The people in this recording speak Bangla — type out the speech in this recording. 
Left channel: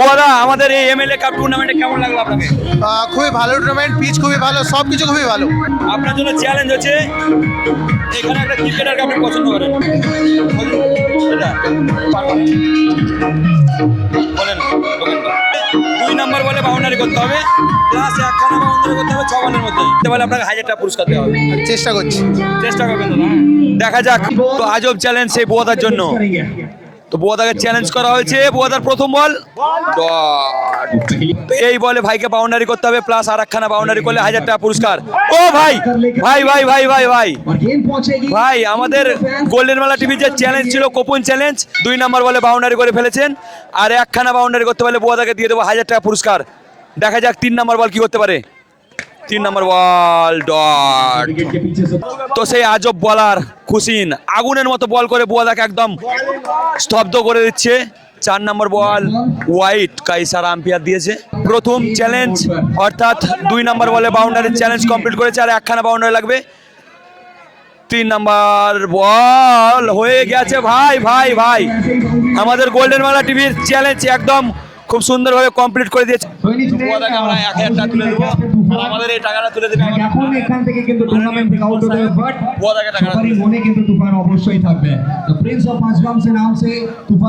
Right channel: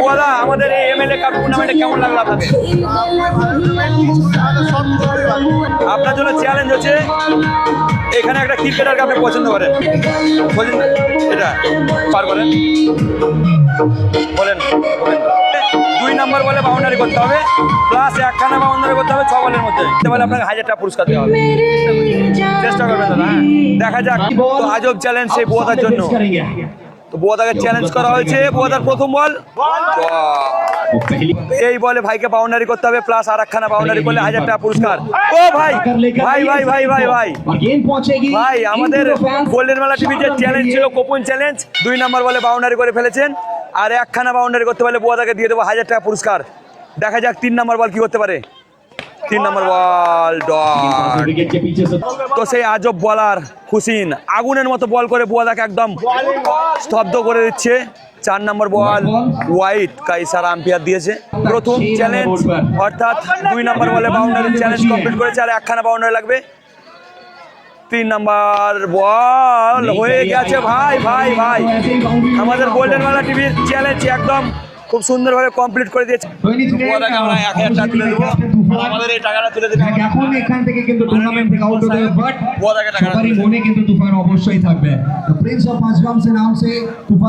বোদা আমাদের এই এমএলএ কাপ টুর্নামেন্টে কেমন লাগল আপনাকে খুবই ভালো টুর্নামেন্ট পিচ খুবই ভালো সব কিছু খুবই ভালো। আপনার জন্য চ্যালেঞ্জ হচ্ছে এখানে একটা ক্রিকেটারকে আপনি পছন্দ করেন। বলুন এটা পার বলে বাউন্ডারি করতে হবে। প্লাস একখানা বাউন্ডারি করতে হবে ছ বলের মধ্যে। বলে আপনাকে হাজারটা পুরস্কার দেওয়া হবে। চেষ্টা করছি। চেষ্টা করবেন দাদা হ্যাঁ? দেখা যাক তো আজব চ্যালেঞ্জ সেই বোয়াদার জন্য। তো বোয়াদাকে চ্যালেঞ্জ করা হয়েছে বোয়াদার প্রথম বল। এই বলে ভাইকে বাউন্ডারি করতে হবে প্লাস আর একখানা বাউন্ডারি করলে হাজার টাকা পুরস্কার। ও ভাই ভাই ভাই ভাই ভাই ভাই। ভাই, আমাদের গোল্ডেন মেলা টিভির যে চ্যালেঞ্জ ছিল কোপন চ্যালেঞ্জ দুই নম্বর বলে বাউন্ডারি করে ফেলেছেন। আর একখানা বাউন্ডারি করতে পারলে বুয়াদাকে দিয়ে দেবো হাজার টাকা পুরস্কার। দেখা যাক তিন নম্বর বল কি করতে পারে। তিন নম্বর বল ডট তো সেই আজব বলার খুশিন, আগুনের মতো বল করে বুয়াদাকে একদম স্তব্ধ করে দিচ্ছে। চার নম্বর বল হোয়াইট কাইসার আম্পিয়ার দিয়েছে। প্রথম চ্যালেঞ্জ অর্থাৎ দুই নম্বর বলে বাউন্ডারি চ্যালেঞ্জ কমপ্লিট করেছে আর একখানা বাউন্ডারি লাগবে। তিন নম্বর বল হয়ে গেছে ভাই ভাই ভাই। আমাদের গোল্ডেন মালা টিভির চ্যালেঞ্জ একদম খুব সুন্দরভাবে কমপ্লিট করে দিয়েছে। আমরা এক হাজার টাকা তুলে দেবো। আমাদের এই টাকাটা তুলে দেবে এখন এখান থেকে কিন্তু টুর্নামেন্ট থেকে আউট হতে বাট বুয়াদাকে টাকাটা সবারই তুলে দেবে। মনে কিন্তু তুফান অবশ্যই থাকবে। প্রিন্স অফ পাঁচগ্রাম সে নাম সে তুফান